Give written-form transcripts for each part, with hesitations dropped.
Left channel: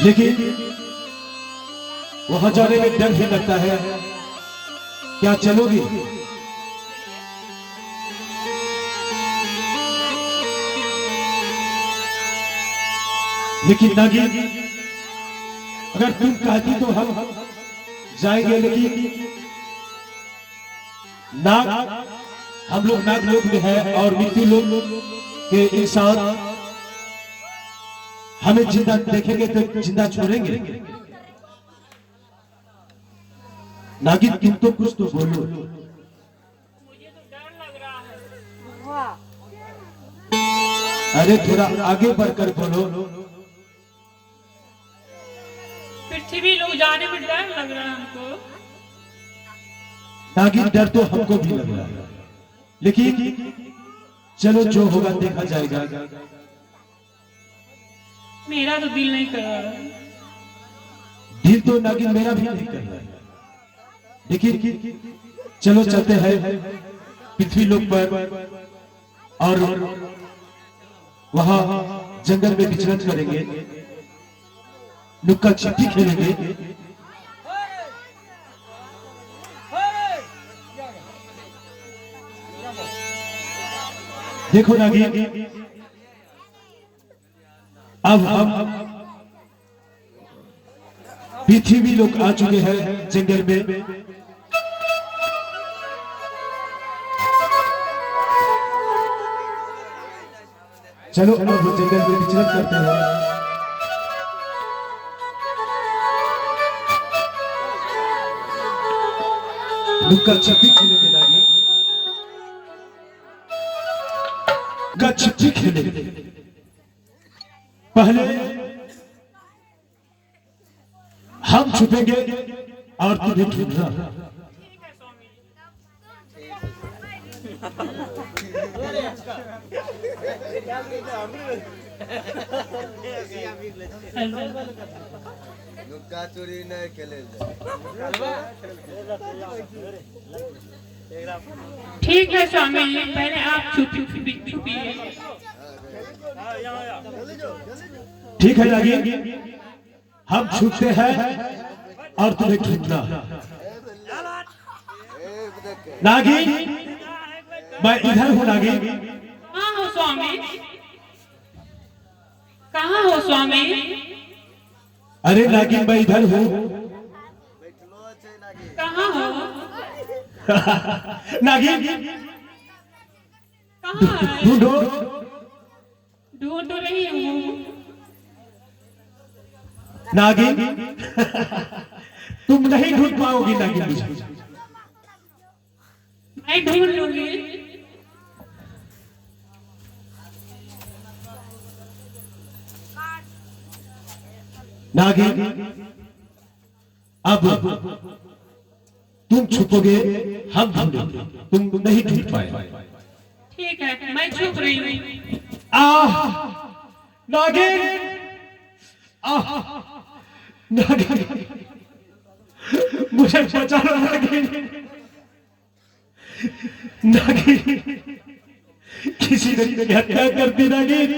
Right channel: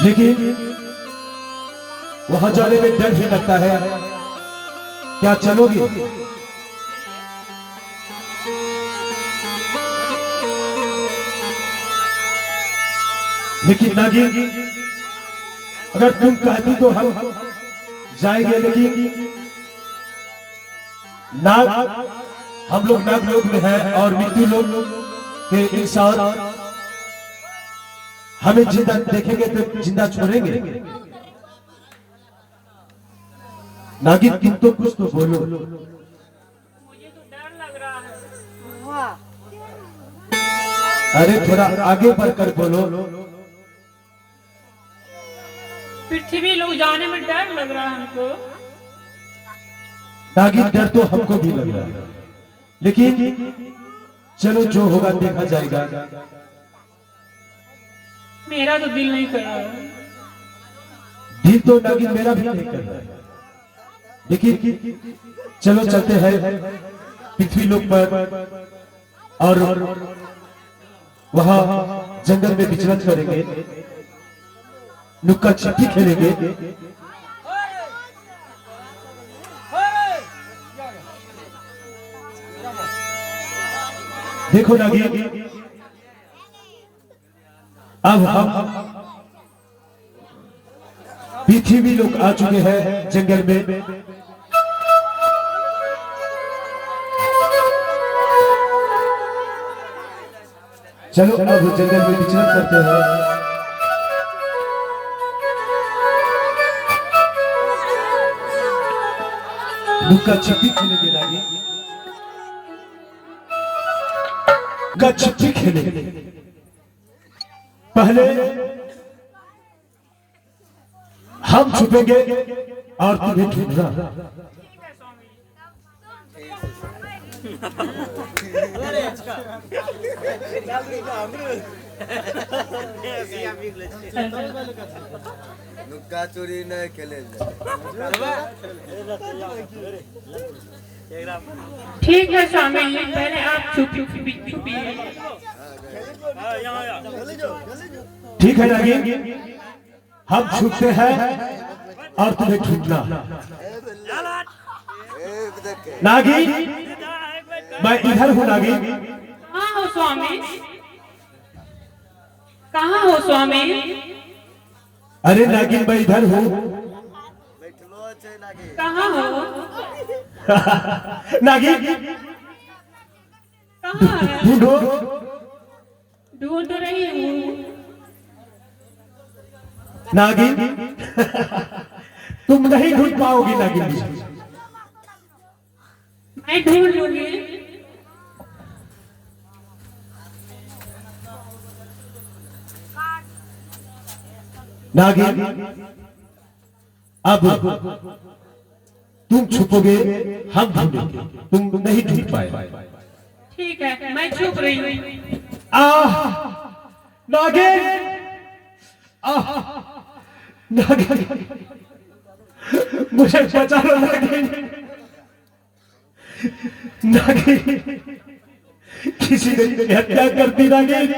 लेकिन वहां जाने में डर ही लगता है। क्या चलोगी? लेकिन नागी, अगर तुम कहती तो हम जाएंगे, लेकिन नाग, हम लोग नाग लोग में हैं और मृत्यु लोग के इंसान हमें जिंदा देखेंगे तो जिंदा छोड़ेंगे। नागिन तुम तो कुछ तो बोलो। मुझे तो डर लग रहा है। अरे थोड़ा आगे बढ़कर बोलो। पृथ्वी लोग जाने में डर लग रहा है हमको। नागिन डर तो हमको भी लग रहा है, लेकिन चलो जो होगा देखा जाएगा। मेरा तो दिल नहीं कर रहा है। दिल तो नागिन मेरा भी नहीं कर रहा है, लेकिन चलो चलते हैं पृथ्वी लोक पर और वहां जंगल में विचरण करेंगे, नुक्का छिपी खेलेंगे। देखो नागिन, अब हम पृथ्वी लोग आ चुके हैं जंगल में। चलो अब जंगल में विचरण करते हैं। लुक्का छिपी खेलेंगे नागिन, लुक्का छिपी खेलेंगे। पहले हम छुपेंगे और तुम्हें ढूंढना। लुक्का चोरी नहीं खेले। ठीक है स्वामी जी, पहले आप छुपिए। ठीक है नागिन, हम छुपते हैं और तुम्हें ढूंढना। नागिन, मैं इधर हूँ नागिन। कहाँ हो स्वामी? कहाँ हो स्वामी? अरे नागिन, मैं इधर हूँ। कहाँ हो? नागिन कहाँ है? ढूंढो। ढूंढ रही हूँ। नागिन तुम नहीं ढूंढ पाओगी नागिन जी। मैं ढूंढ लूंगी। नागिन, अब तुम छुपोगे, हम ढूंढेंगे, तुम नहीं ढूंढ पाए। ठीक है, मैं छुप रही हूँ। नागिन, नागिन, मुझे बचा लो नागिन। नागिन, किसी ने मेरी हत्या कर दी नागिन।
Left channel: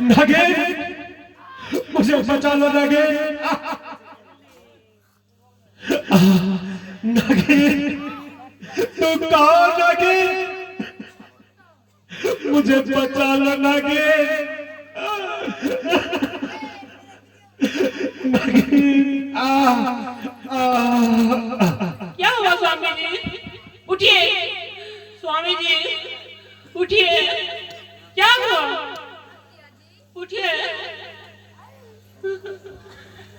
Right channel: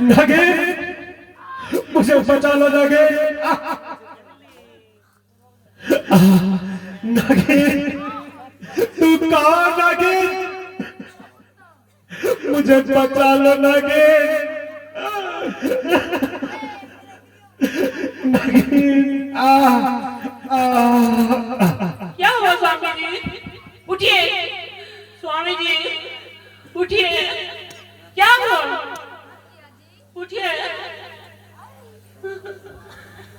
नागिन, मुझे बचा लो नागिन। नागिन, तू कहाँ नागिन? मुझे बचा लो नागिन। नागिन, क्या हुआ स्वामी जी? उठिए स्वामी जी, उठिए। क्या हुआ? उठिए।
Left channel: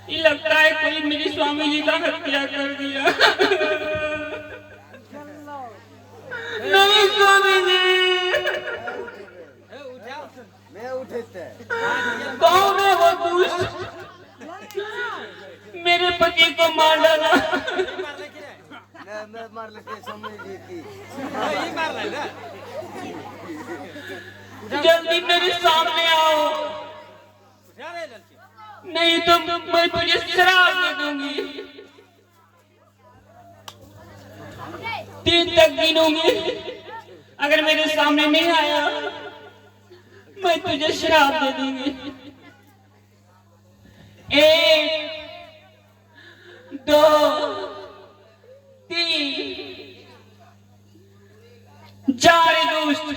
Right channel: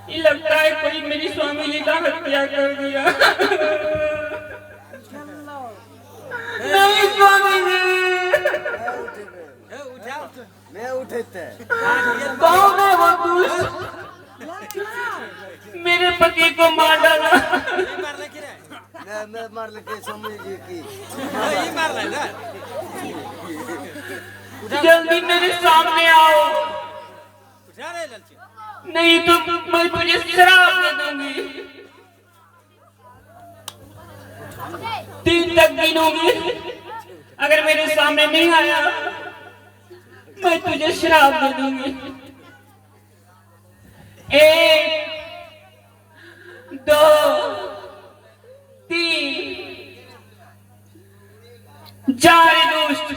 ये लगता है कोई मेरी स्वामी जी का हत्या कर दिया। नहीं स्वामी जी, मैं उठते कौन है वो दुष्ट? मेरे पति को मार डाला। मैं मार लेके समझ की जल्दी मेरे सामने आओ, नहीं तो मैं तुझे शराब दे दूंगी। 3 तक गिनूंगी, अगर मेरे सामने नहीं आया मैं तुझे श्राप दे दूंगी। 1 2 3 4 दोस्त,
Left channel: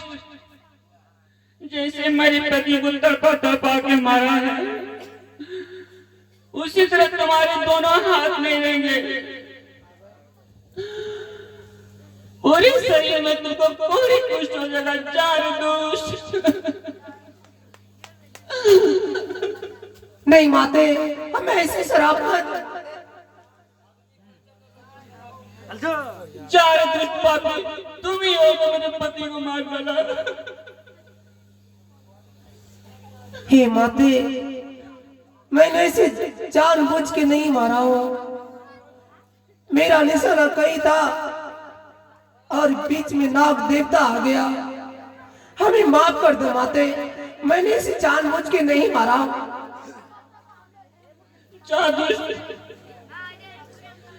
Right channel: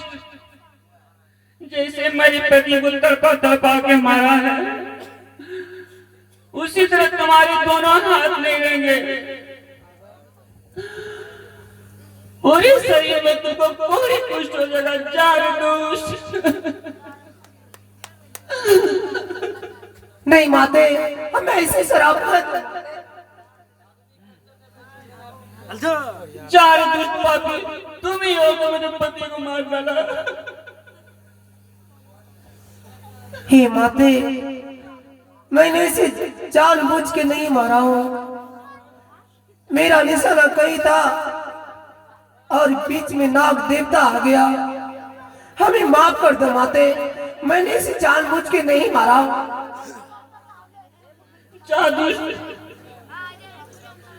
जैसे मेरे पति को तड़पा तड़पा के मारा है, उसी तरह तुम्हारे दोनों हाथ ले लेंगे और इस शरीर में तुमको पूरी कुष्ठ हो जाएगा। 4 दोस्त। नहीं माते, हमें ऐसे शराब मत। 4 दोस्त पापी, तुम ही हो जो मेरे पति को मार डाला। हे माते, मैंने इसे जानबूझ के नहीं मारा हूं। मेरा निशाना कहीं था और बीच में नाग देवता आ गया। हमें माफ कर दो माते, मैंने इसे जानबूझ के नहीं मारा। 4 दोस्त,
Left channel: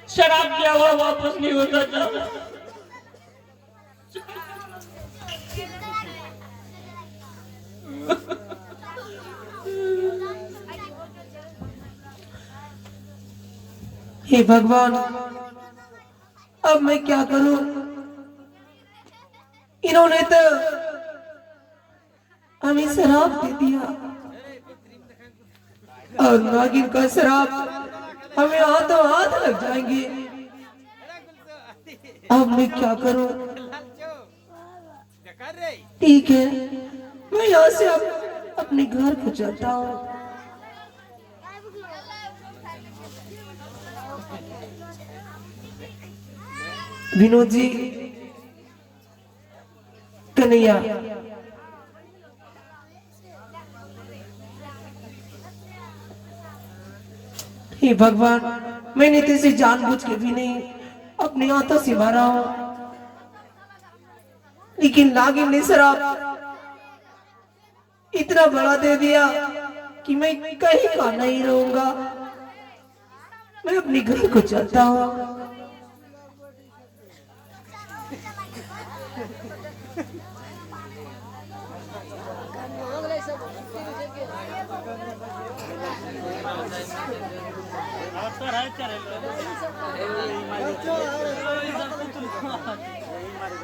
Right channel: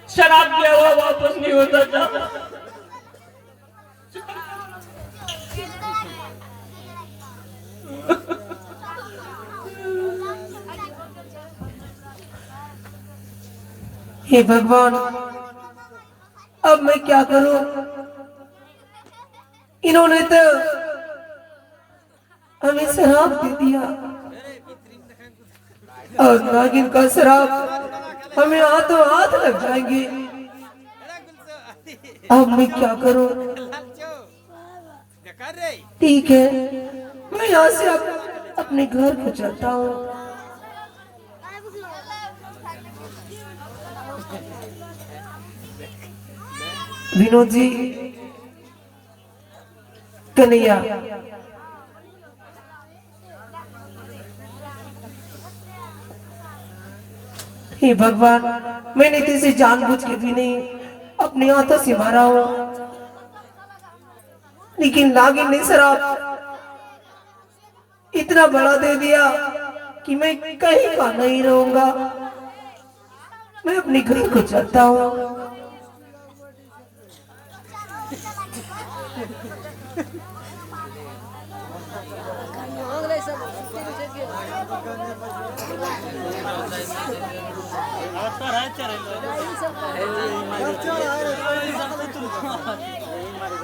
शराब दिया हुआ वापस नहीं होता था। हे भगवान, अब मैं क्या करूं? इन्होंने तो हमें शराब दे दिया और नागिन का शराब हमें हाथों हाथ लग जाएंगे। अब मैं क्या करूं? ठीक है, मैं यहाँ से अपने घर को चलता हूँ। विनोद जी, कन्हैया, हे भगवान, मैंने तेरे जानबूझ के भी नहीं अपने हाथों से मारा हूं, लेकिन नागिन ने शराब इतना बड़ा दे दिया कि मैं कहीं का नहीं रहूंगा। मैं अपने घर को चलता हूं।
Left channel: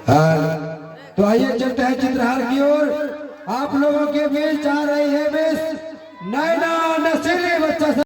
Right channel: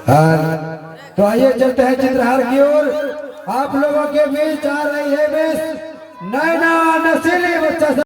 हाँ, तो आइए चलते हैं चित्रहार की ओर। आप लोगों के बीच आ रही है बेस नैना नसीली बच्चा।